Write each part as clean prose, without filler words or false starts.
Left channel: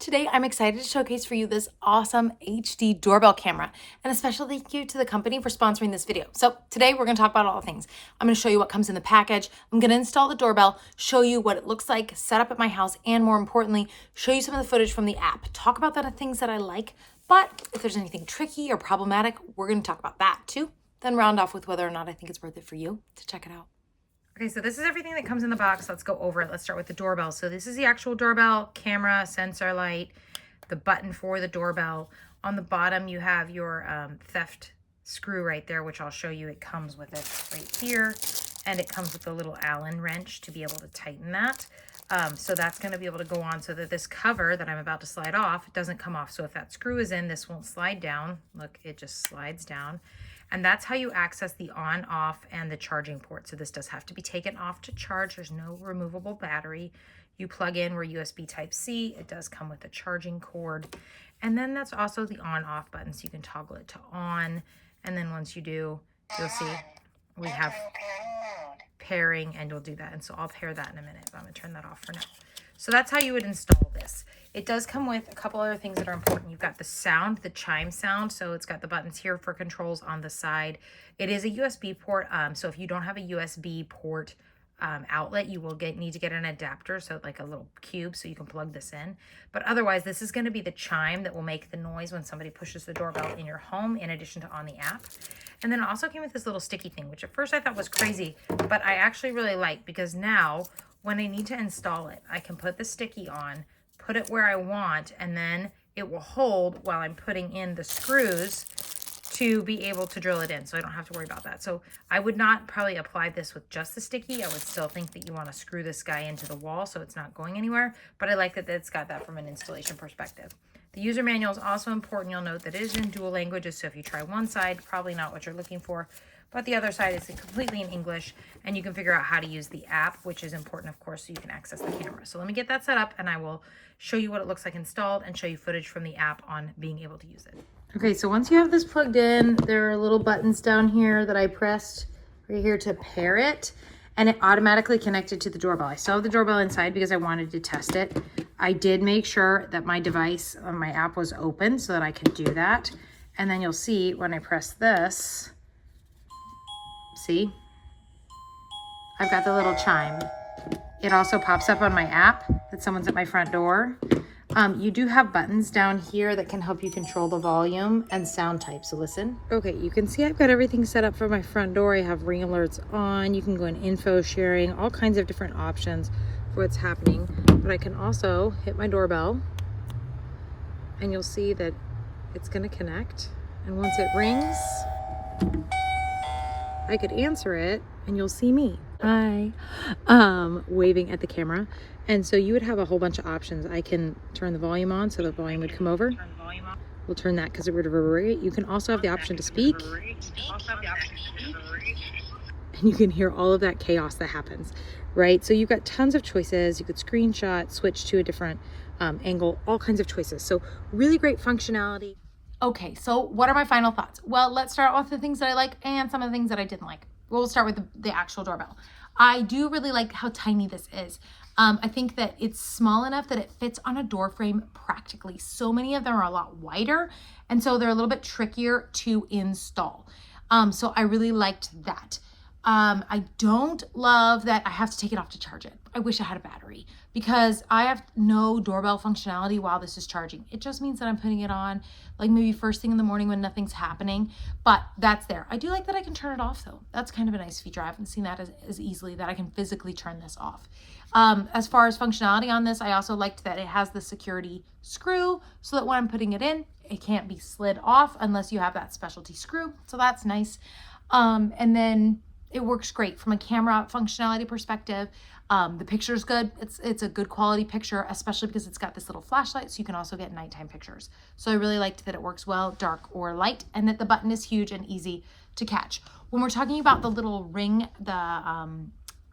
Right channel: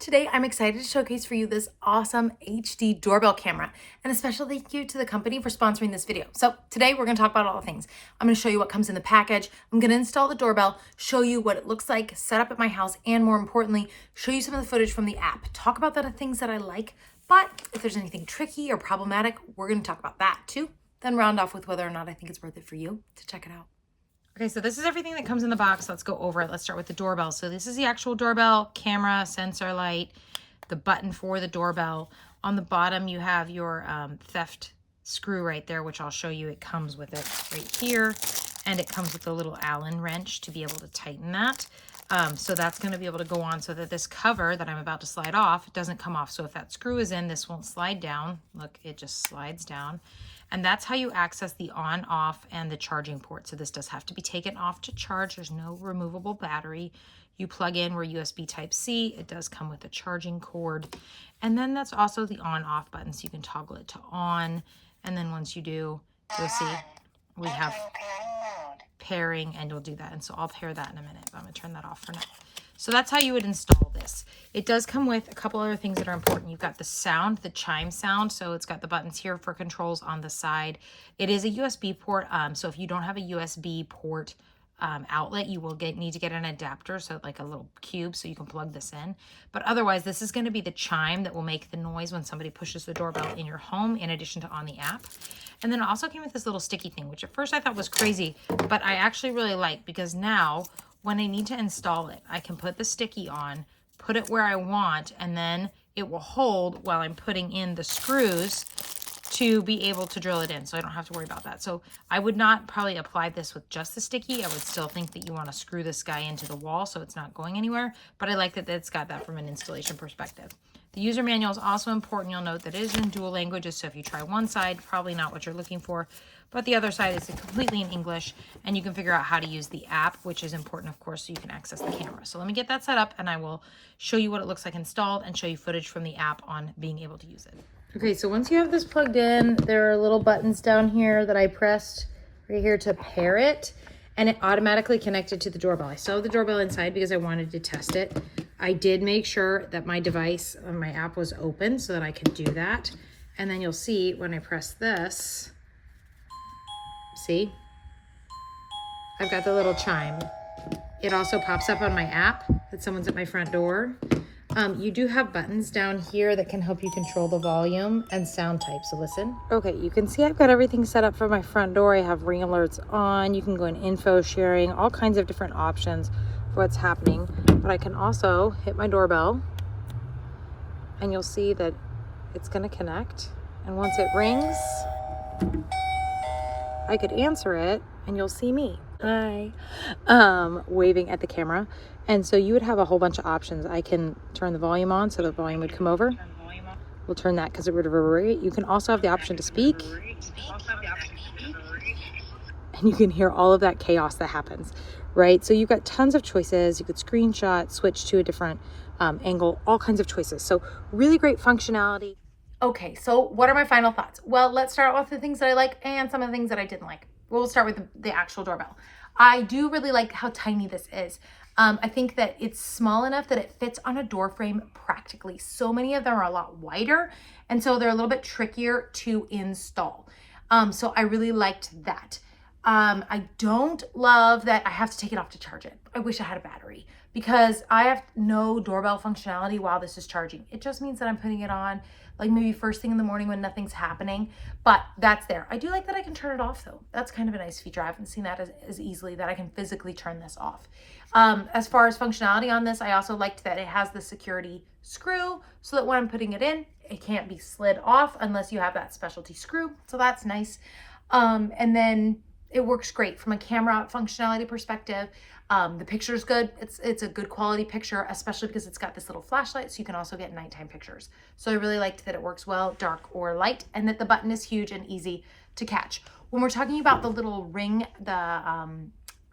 Today, I'm excited to showcase for you this awesome HD doorbell camera, and a special thank you to the company for sponsoring this video. So today we're gonna talk about all the things. I'm gonna show you what comes in the package. I'm gonna install the doorbell, show you what it looks like set up at my house, and more importantly, show you some of the footage from the app. Talk about the things that I like, but if there's anything tricky or problematic, we're gonna talk about that too. Then round off with whether or not I think it's worth it for you to check it out. Okay, so this is everything that comes in the box. Let's go over it. Let's start with the doorbell. So this is the actual doorbell, camera, sensor light, the button for the doorbell. On the bottom, you have your theft screw right there, which I'll show you. It comes with it right here, and it comes with a little Allen wrench to be able to tighten that. So that's going to be able to go on so that this cover that I'm about to slide off doesn't come off. So if that screw is in, this won't slide down. Look, it just slides down. And that's how you access the on, off, and the charging port. So this does have to be taken off to charge. There's no removable battery. You plug in where USB Type-C. It does come with a charging cord. And then that's also the on-off button, so you can toggle it to on. And then once you do, you'll see we have pairing, and you'll do that. And so I'll pair that in a minute, but I'm gonna turn that off for now. So that's how you would install this. It does come with a couple other things that are important. You've got the sound, the chime sound. So it's got the buttons here for controls on the side. It is a USB port. So if you don't have a USB port outlet, you will need to get an adapter. So like a little cube so you can plug this in. But otherwise, this is going to be the chime that will make the noise when somebody pushes the doorbell in your home, in addition to on the app. And then it also came with this little sticky thing, which at first I thought was crazy, but I actually really like, because now when I need to install it, I can put the sticky on, put it where I want, and then it will hold while I'm putting in the screws to be able to drill it in, so I don't have to worry about that. So I would not probably apply this with just the sticky. I would still think that you want to screw this guy into the wall so it's not going anywhere, but I like that it's got that from an installation perspective. The user manual is also important. You'll note that it is in dual languages, so if you try one side, probably not what you're looking for, but the other side is completely in English, and you can figure out how to use the app, which is important, of course, so you can access the camera. So let me get that set up, and I will show you what it looks like installed and show you footage from the app on being able to use it. Okay, so once you have this plugged in, there are little buttons down here that I pressed right here to pair it, and it automatically connected to the doorbell. I still have the doorbell inside because I wanted to test it. I did make sure that my device on my app was open so that I could do that. And then you'll see when I press this, see, I've got the little chime. It also pops up on my app that someone's at my front door. You do have buttons down here that can help you control the volume and sound type, so listen. Okay, you can see I've got everything set up for my front door. I have ring alerts on. You can go in info sharing, all kinds of different options for what's happening. But I can also hit my doorbell, and you'll see that it's gonna connect. And once it rings, I could answer it, and you'll see me. Hi, waving at the camera. And so you would have a whole bunch of options. I can turn the volume on so the volume would come over. We'll turn that because it would reverberate. You can also have the option to speak. And you can hear all of that chaos that happens, right? So you've got tons of choices. You could screenshot, switch to a different angle, all kinds of choices. So really great functionality. Okay, so what are my final thoughts? Well, let's start with the things that I like and some of the things that I didn't like. We'll start with the actual doorbell. I do really like how tiny this is. I think that it's small enough that it fits on a door frame practically. So many of them are a lot wider, and so they're a little bit trickier to install. So I really liked that. I don't love that I have to take it off to charge it. I wish I had a battery, because I have no doorbell functionality while this is charging. It just means that I'm putting it on like maybe first thing in the morning when nothing's happening, but that's there. I do like that I can turn it off though. That's kind of a nice feature. I haven't seen that as easily, that I can physically turn this off. As far as functionality on this, I also liked that it has the security screw so that when I'm putting it in, it can't be slid off unless you have that specialty screw. So that's nice. And then it works great from a camera functionality perspective. The picture's good. It's a good quality picture, especially because it's got this little flashlight, so you can also get nighttime pictures. So I really liked that it works well, dark or light, and that the button is huge and easy to catch. When we're talking about the little ring, the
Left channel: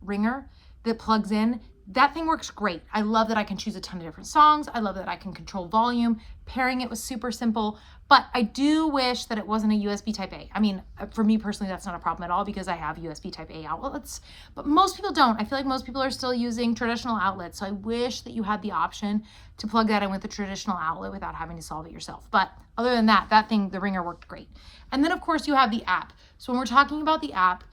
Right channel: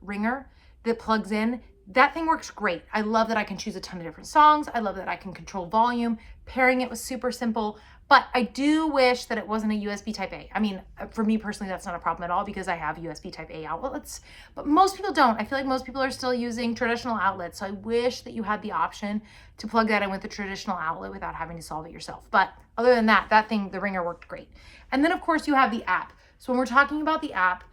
ringer that plugs in, that thing works great. I love that I can choose a ton of different songs. I love that I can control volume. Pairing it was super simple, but I do wish that it wasn't a USB type A. I mean, for me personally, that's not a problem at all because I have USB type A outlets, but most people don't. I feel like most people are still using traditional outlets. So I wish that you had the option to plug that in with a traditional outlet without having to solve it yourself. But other than that, that thing, the ringer worked great. And then of course you have the app. So when we're talking about the app,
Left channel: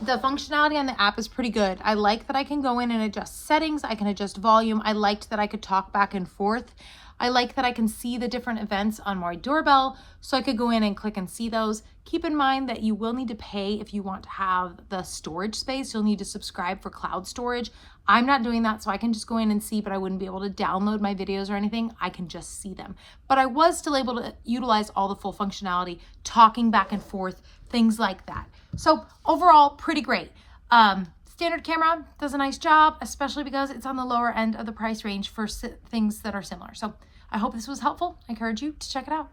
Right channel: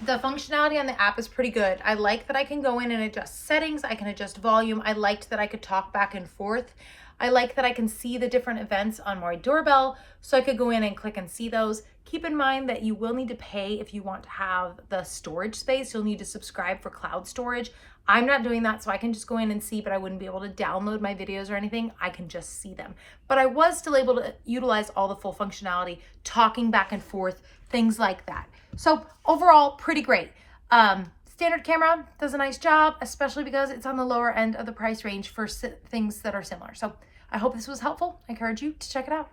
the functionality on the app is pretty good. I like that I can go in and adjust settings. I can adjust volume. I liked that I could talk back and forth. I like that I can see the different events on my doorbell, so I could go in and click and see those. Keep in mind that you will need to pay if you want to have the storage space. You'll need to subscribe for cloud storage. I'm not doing that, so I can just go in and see, but I wouldn't be able to download my videos or anything. I can just see them. But I was still able to utilize all the full functionality, talking back and forth, things like that. So overall, pretty great. Standard camera does a nice job, especially because it's on the lower end of the price range for things that are similar. So I hope this was helpful. I encourage you to check it out.